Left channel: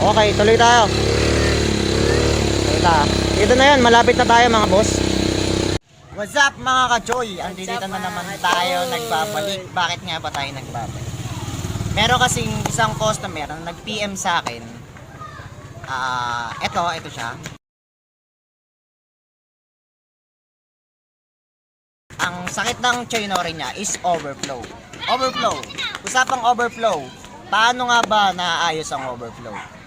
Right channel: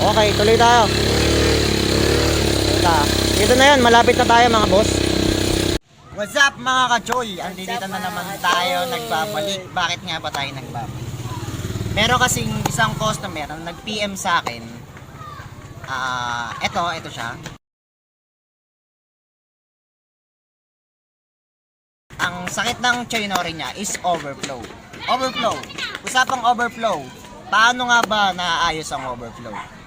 Okay, tuloy tayo. Ito. Dito na yan, malapit na tayo mga boss. What's up mga ka-choy? Andito na naman tayo nagbabalik. Bakit nga ba tayo nagbabalik? Meron kasing isang customer na nag-PM sa akin. Ah, eto, eto siya. Ang sakit ng choynori niya is overflow. Overflow. Usapang overflow. Paano nga ba naayos ang overflow?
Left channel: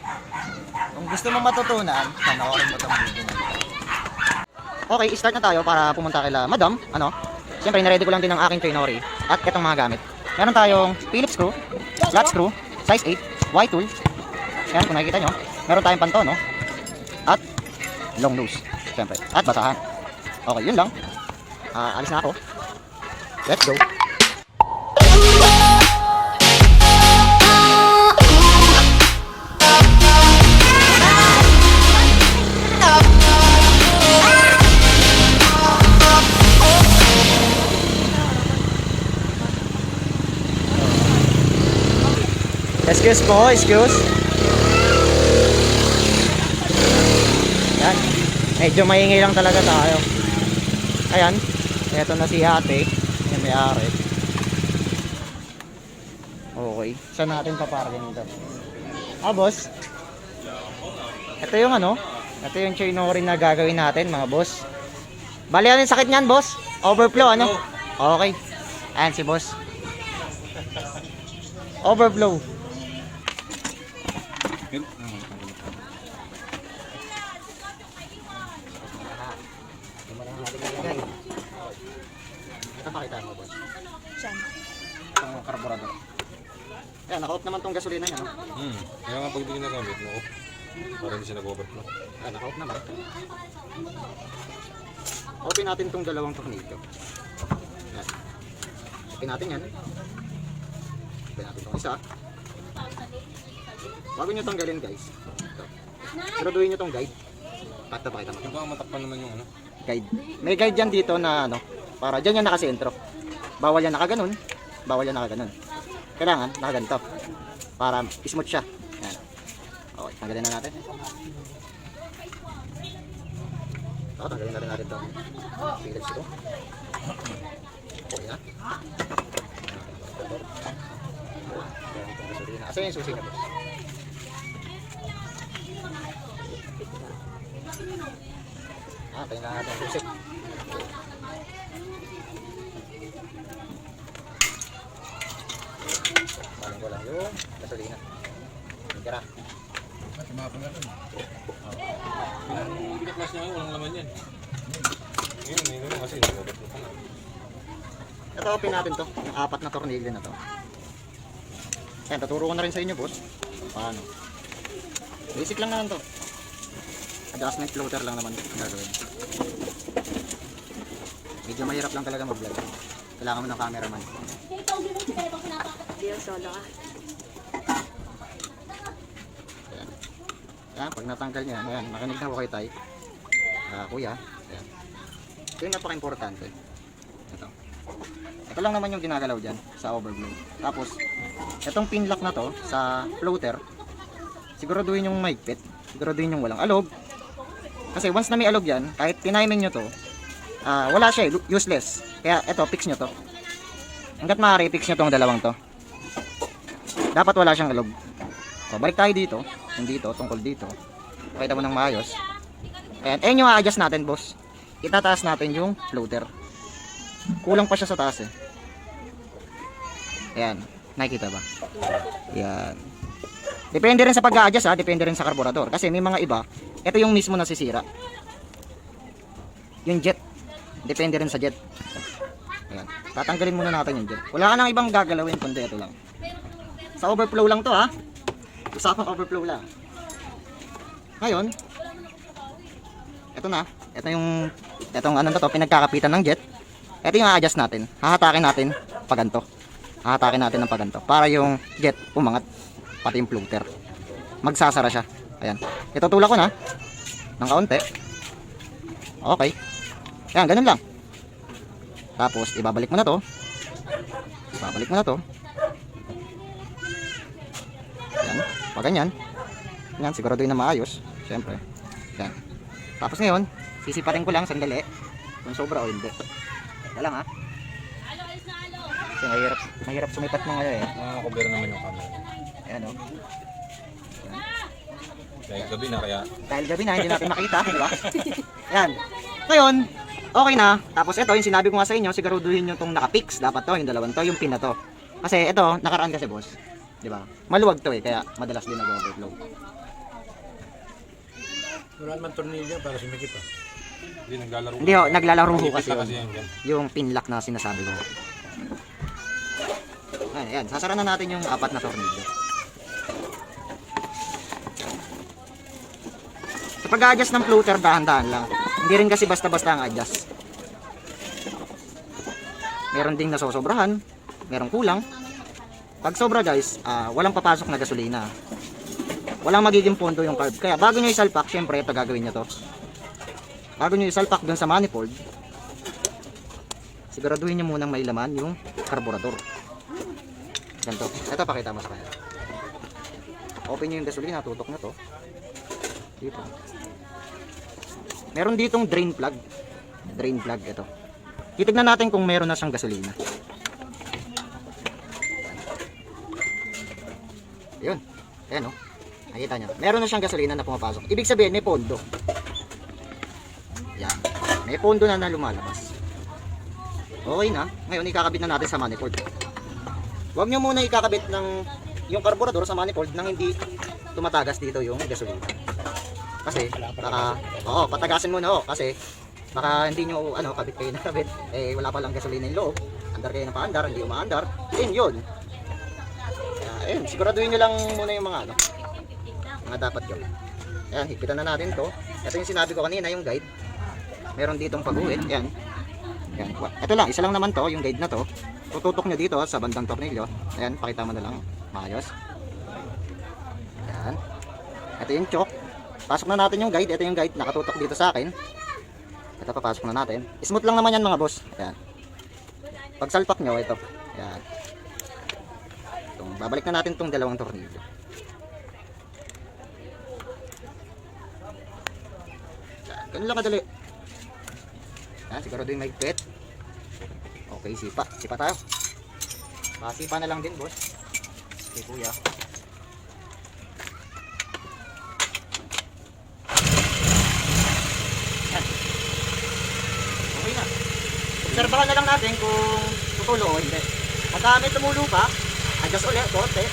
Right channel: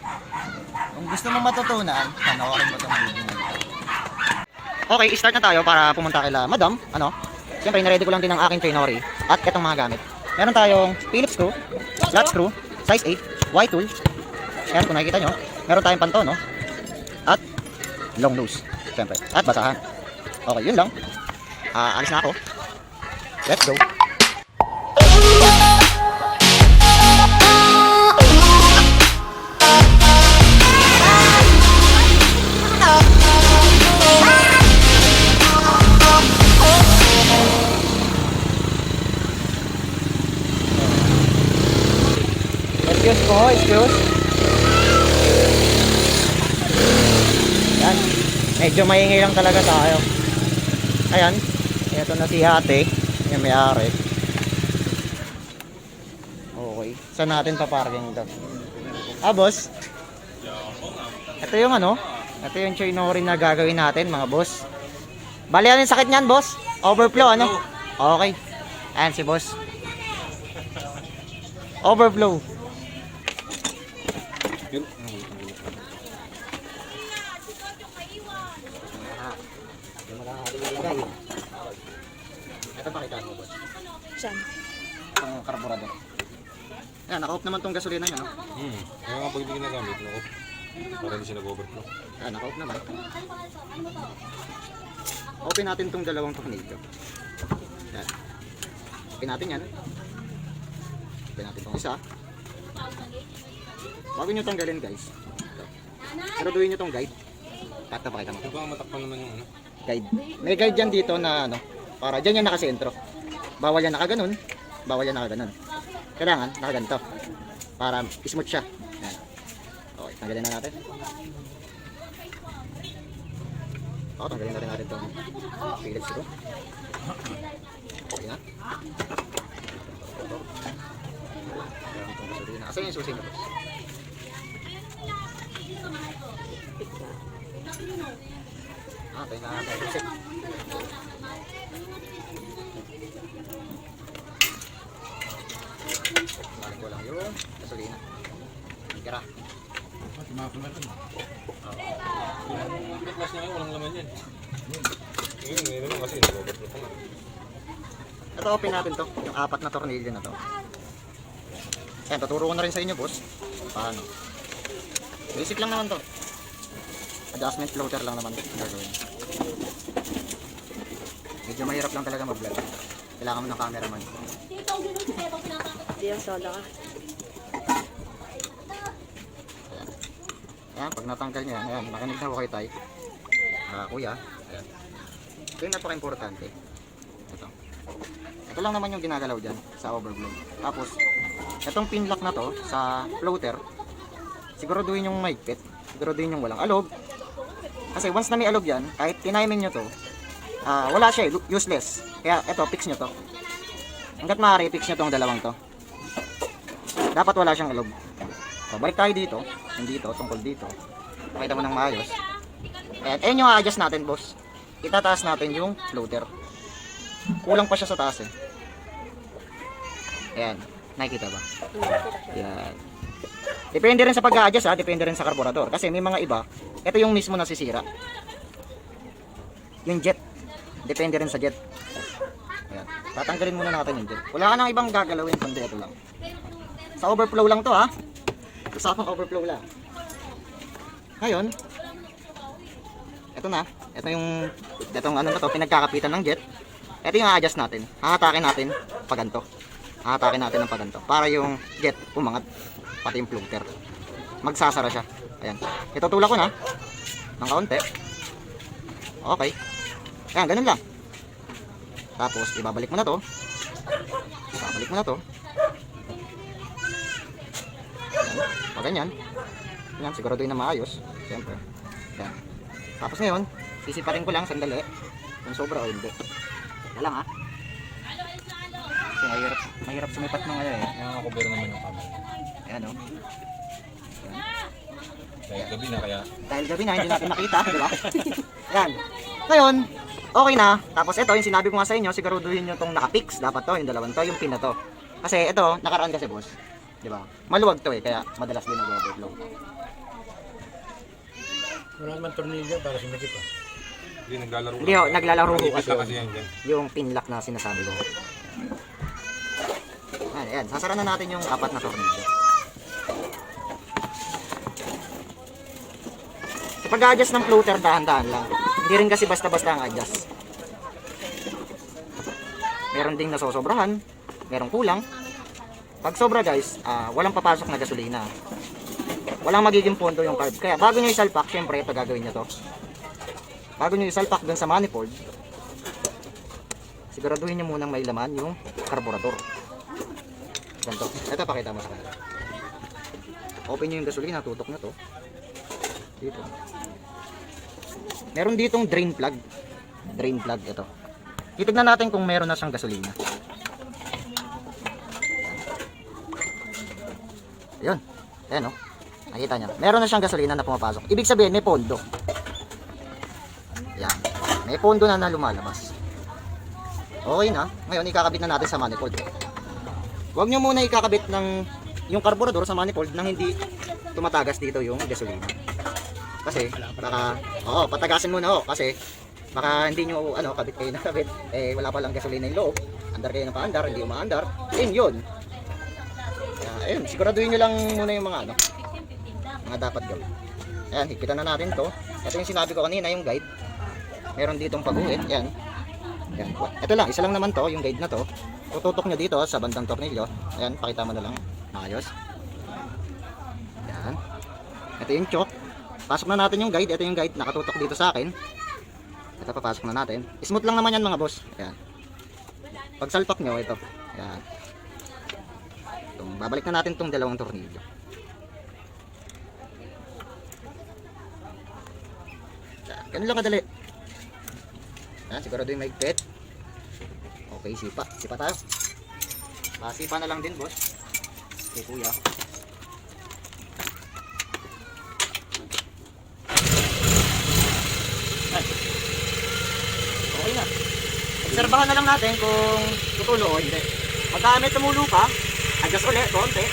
Kung gusto mo matutunan, panoorin mo tong video na ito. Okay, start na tayo para pumunta kila Madam. Ano? Siyempre, naready ko lang din ang aking choynori at itong mga gamit. Meron tayong Phillips screw, flat screw, size 8, Y tool. Yan, kung nakikita nyo. Meron tayong panto, no? At long nose, siyempre. At basahan. Okay, yun lang. Ah, alis na ako. Let's go. Excuse po, excuse. Yan. Medyo maingay lang talaga tayo. Ayan. Ito na si ate. Yung may-ari. Okay. Saan natin paparking ito? Ah, boss. Ito yung ano? Ito yung choynori na gagawin natin, mga boss. Bali, ano yung sakit niyan, boss? Overflow, ano? Okay. Ayan si boss. Overflow. Ito pakita mo, boss. Saan? Itong karburador. Yan, naka-off naman tong gasolina niya, no? Hmm. Kaya nga pag hindi ginagamit, no? Para hindi siya nag-overflow. Yan, naka-off naman. Open natin tong dalawang tornilyo. Yan. Open natin yan. Open natin tong isa. Bago nyo tanggalin, guys. Ito. Siguraduhin nyo tong guide. Pakita pakita mo. Ito ang matakpan naman yung ano. guide. May guide yan dito na ano, para dyan yan nakasentro. Bawal yan nakaganon, bawal yan nakaganon. Kailangan nakaganto. Para smooth siya. Yan. Okay, tanggalin na natin. Okay, tanggalin natin natin to. Philips ito. Okay na. Yan itong yung susi niya, boss? Ah, kailangan natin susi. Baling ko lang yung gasolina. Tira. Yung class niya, walang laman yan. Yun, meron kasi nag-overflow. Ito open natin to, yung apat na tornilyo na to. Yan, tuturo ko na rin sa inyo, boss. Paano? Basic lang naman to. Adjustment floater lang naman gagawin. Medyo mahirap lang talaga mag-vlog. Kailangan mo ng cameraman. Lang solo ka. Ayan. Ayan, pag natanggal niya, ayan, makinig na ako kay Tay. Ah, kuya. Ayan. Ito yung napaka-importante. Ito. Ito lang naman yung ginagalaw dyan sa overflow. Tapos, itong pin lock na to sa floater, siguraduhin yung maigpit. Siguraduhin yung walang alog. Kasi once na may alog yan, kahit tinainin nyo to, ah, wala siya, eh, useless. Kaya ito, fix nyo to. Hanggat maaari, fix nyo tong dalawang to. Dapat wala siyang alog. So, balik tayo dito. Yung dito, tungkol dito. Pakita mo ng maayos. Ayan, ayan yung a-adjust natin, boss. Itataas natin yung floater. Kulang pa siya sa taas eh. Ayan, nakikita ba? Ayan. Depende rin sa pag-a-adjust ha, depende rin sa karburador. Kasi may mga iba, ito yung mismo nasisira. Yung jet, depende rin sa jet. Ayan, tatanggalin muna natin yung jet. Wala ka nang ibang gagalawin kundi ito lang. Sa overflow lang to ha. Usapang overflow lang. Ngayon, ito na. Ito yung, itong ano na to, pinagkakapitan ng jet. Ito yung a-adjust natin. Hahatakin natin paganto. Hahatakin natin ng paganto. Para yung jet umangat. Pati yung floater. Magsasara siya. Ayan. Itutulak ko na. Ng kaunti. Okay. Ayan, ganun lang. Tapos, ibabalik mo na to. Ibabalik mo na to. Ayan. Pag ganyan. Yan, siguraduhin na maayos. Siyempre. Yan. Tapos ngayon, sisiparin ko lang sandali. Kung sobra o hindi. Wala ha. Kasi mahirap, mahirap sumipat ng ano eh. Nakaka-cover naman yung camera. Ayan o. Dahil gabi na kaya. Dahil gabi na, hindi natin makita, di ba? Yan. Ngayon, okay na. Tapos ito, yung sinabi ko nga sa inyo, siguraduhin nyo itong nakapix. Dapat to, yung dalawang to, yung pin na to. Kasi ito, nakaraan kasi boss. Di ba? Maluwag to eh, kaya madalas din nag-overflow. Wala naman tornilyo para sumikip ah. Hindi, naglalaro Hindi ho, naglalaro Malipis kasi yun. kasi dyan. Yung pinlock na sinasabi ko. Ayan, ayan. Sasara na natin yung apat na tornilyo. Sa pag-adjust ng floater, dahan-dahan lang. Hindi rin kasi basta-basta ang adjust. Meron ding nasosobrahan, meron kulang. Pag sobra guys, ah, walang papasok na gasolina. Walang magiging pondo yung carb. Kaya bago nyo isalpak, syempre ito gagawin nyo to. Bago nyo isalpak dun sa manifold, siguraduhin nyo munang may laman yung carburetor. Ganito. Ito pakita mo sa kanya. Open nyo yung gasolina, tutok nyo to. Dito. Meron ditong drain plug. Drain plug ito. Titignan natin kung meron na siyang gasolina. Yun. Ayan o. Nakita nyo. Meron na siyang gasolina na pumapasok. Ibig sabihin, may pondo. Yan. May pondo na na lumalabas. Okay na. Ngayon, ikakabit na natin sa manifold. Huwag nyo muna ikakabit ng yung carburetor sa manifold nang hindi tumatagas dito yung gasolina. Kasi, baka, oo, patagasin muna oh, kasi baka hindi nyo, ano, kabit kayo na kabit, eh, wala pa lang gasolina yung loob, andar kayo na paandar, hindi umaandar, yun yun. Ayun, siguraduhin nyo lang muna yung mga, ano, mga dapat gawin. Ayan, higpitan na natin to. Ito yung sinabi ko kanina, yung guide. Meron ditong pag-uwi, ayan. Ayan. Ito lang, isa lang naman to, yung guide na to. Tututok nyo dito sa bandang tornilyo. Ayan, pakita mo na lang. Maayos. Ayan. Ito yung choke. Pasok na natin yung guide. Ito yung guide, nakatutok dito sa akin. Ito, papasok na natin. Smooth lang naman yan mga boss. Ayan. Pag salpak nyo, ito. Ayan. Itong, babalik na natin tong dalawang tornilyo. Ayan, ganun lang kadali. Ayan, siguro din may pet. Okay, sipa. Sipa tayo. Pasipa na lang din, boss. Okay, kuya. Ayan. Okay na. Obserbahan na lang natin kung tutulo o hindi. Pagka may tumulo pa, adjust ulit, konti.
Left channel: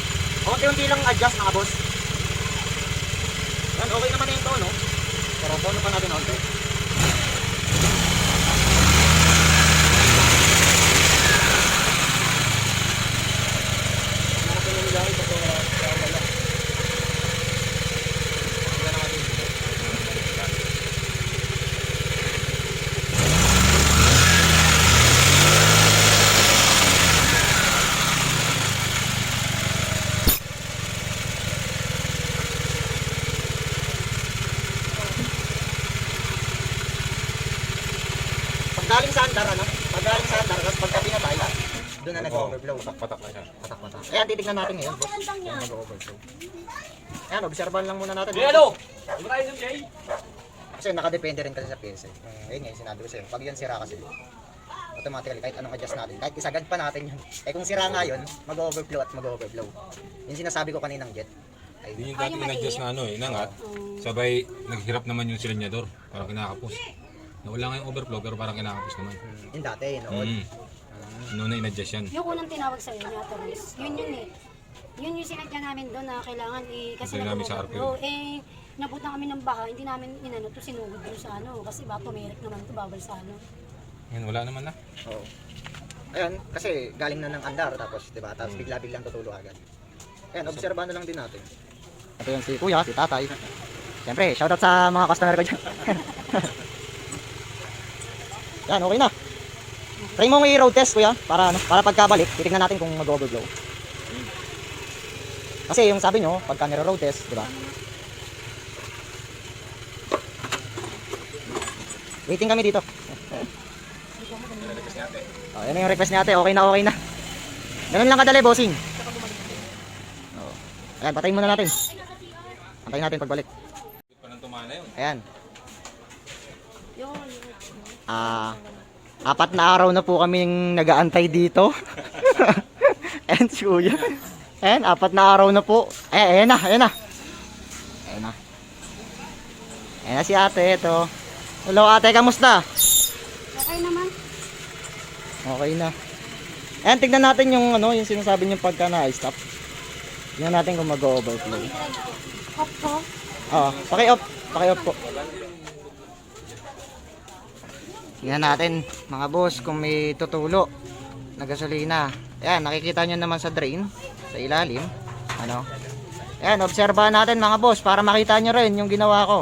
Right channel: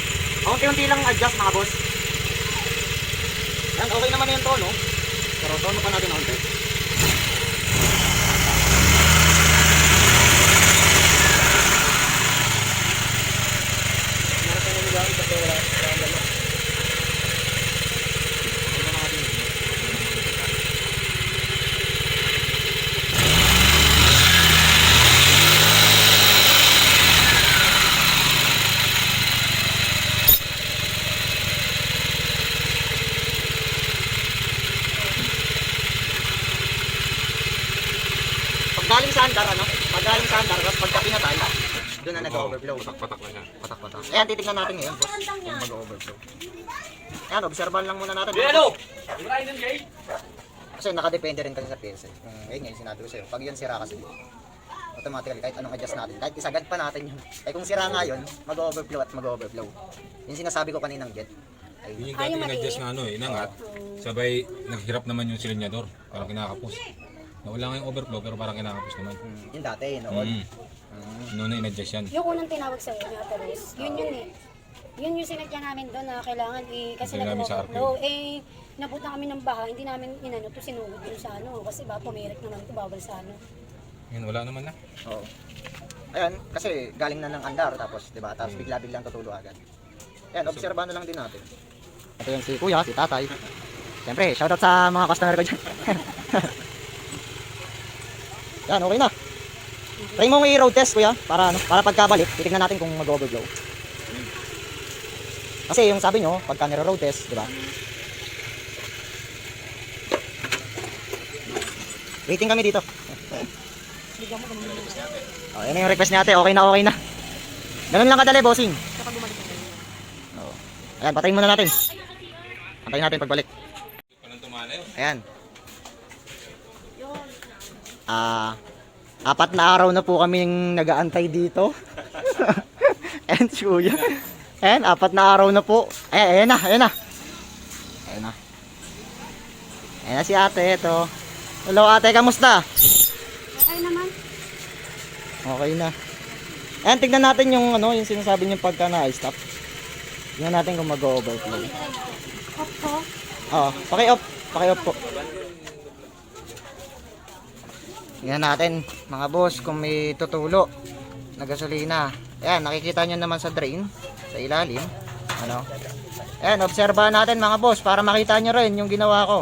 Unti-unti lang adjust mga boss. Yan, okay naman yung tono. Pero tono pa natin konti. Pag galing sa andar, ano? Pag galing sa andar, tapos pagka pinatay, doon na nag-overflow. Patak-patak lang yan. Patak-patak. Ayan, titignan natin ngayon, boss. Kung mag-overflow. Ayan, obserbahan lang muna natin. Kasi nakadepende rin kasi sa PSA. Kung ayun nga yung sinabi ko sa'yo. Pag yun sira kasi, automatically kahit anong adjust natin, kahit isagad pa natin yun. Eh kung sira nga yun, mag-overflow at mag-overflow. Yung sinasabi ko kaninang jet. Ay, Yun yung dati in-adjust na ano eh, inangat. Sabay, naghirap naman yung silinyador. Parang kinakapos. Nawala nga yung overflow pero parang kinakapos naman. yung dati, noon. Mm. Noon na in-adjust yan. Yung unang tinawag sa'yo ni Ate Rose, yun yun eh. Yun yung sinadya namin doon na kailangan eh, kasi Hindi namin sa nag-overflow. Eh, nabuta kami ng baha, hindi namin inano to sinugod dun sa ano. Kasi ba, pumirik naman to bawal sa ano. Yun, wala naman na. Oo. Ayan, kasi galing na ng andar tapos, 'di ba? Tapos bigla-biglang tutulo agad. Ayan, obserbahan na lang din natin. Ito yung si Kuya, si Tatay. Siyempre, shoutout sa mga customer ko dyan. Yan, okay na. Try mo i-road test, Kuya, para ano, para pagkabalik, titingnan natin kung mag-overflow. Kasi yung sabi nyo, pagka nire-road test, di ba? Waiting kami dito. Oh, yan yung request natin. Okay na, okay na. Ganun lang kadali, bossing. Oh. Ayan, patayin muna natin. Antayin natin pagbalik. Ayan. Ah, apat na araw na po kaming nagaantay dito. And si Kuya. Ayan, apat na araw na po. Ay, ayan na, ayan na. Ayan na. Ayan na si ate, ito. Hello ate, kamusta? Okay naman. Okay na. Ayan, tignan natin yung ano, yung sinasabi niyong pagka na-stop. Tignan natin kung mag-overflow. Off ko. Oo, paki-off. Paki-off po. Tingnan natin, mga boss, kung may tutulo na gasolina. Ayan, nakikita nyo naman sa drain, sa ilalim. Ano? Ayan, obserbahan natin mga boss, para makita nyo rin yung ginawa ko.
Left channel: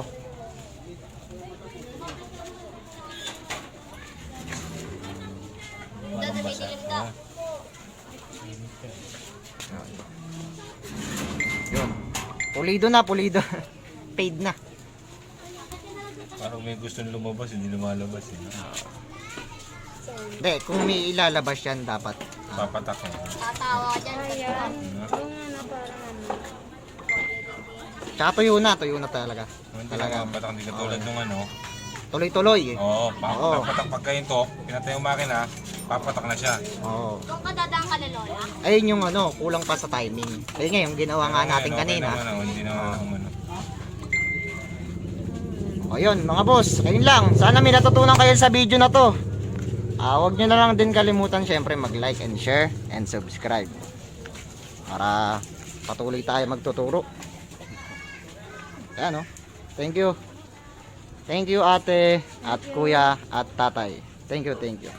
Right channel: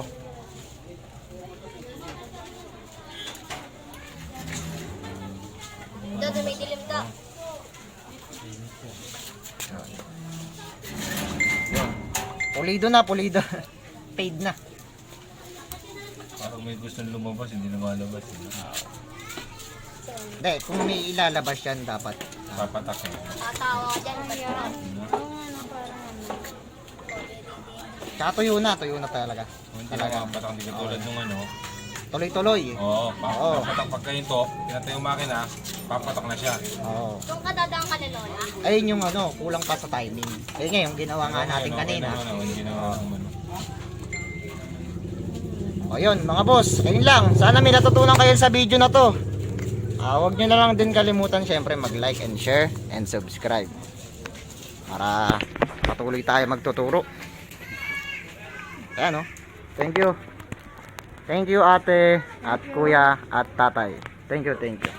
Yun. Pulido na, pulido. Paid na. May gusto lumabas, hindi lumalabas. Eh. Hindi, kung may ilalabas yan dapat. ah, Papatak na. Tatawa dyan. Ayan. Hmm. Yung ano parang ano. Tsaka tuyo na, tuyo na talaga. Hindi Talaga. na patak, hindi katulad nung ano. Tuloy-tuloy eh. Oo, Oo. papatak pagka yun to, pinatay yung makina, papatak na siya. Oo. Doon ka dadaan ka lolola? Ayun yung ano, kulang pa sa timing. Ayun nga yung ginawa nga natin Okay, kanina. Naman, oh, hindi na ano. O yun, mga boss, ayun lang. Sana may natutunan kayo sa video na to. Ah, huwag nyo na lang din kalimutan syempre mag-like and share and subscribe. Para patuloy tayo magtuturo. Ayan o. Thank you. Thank you ate at kuya at tatay. Thank you, thank you.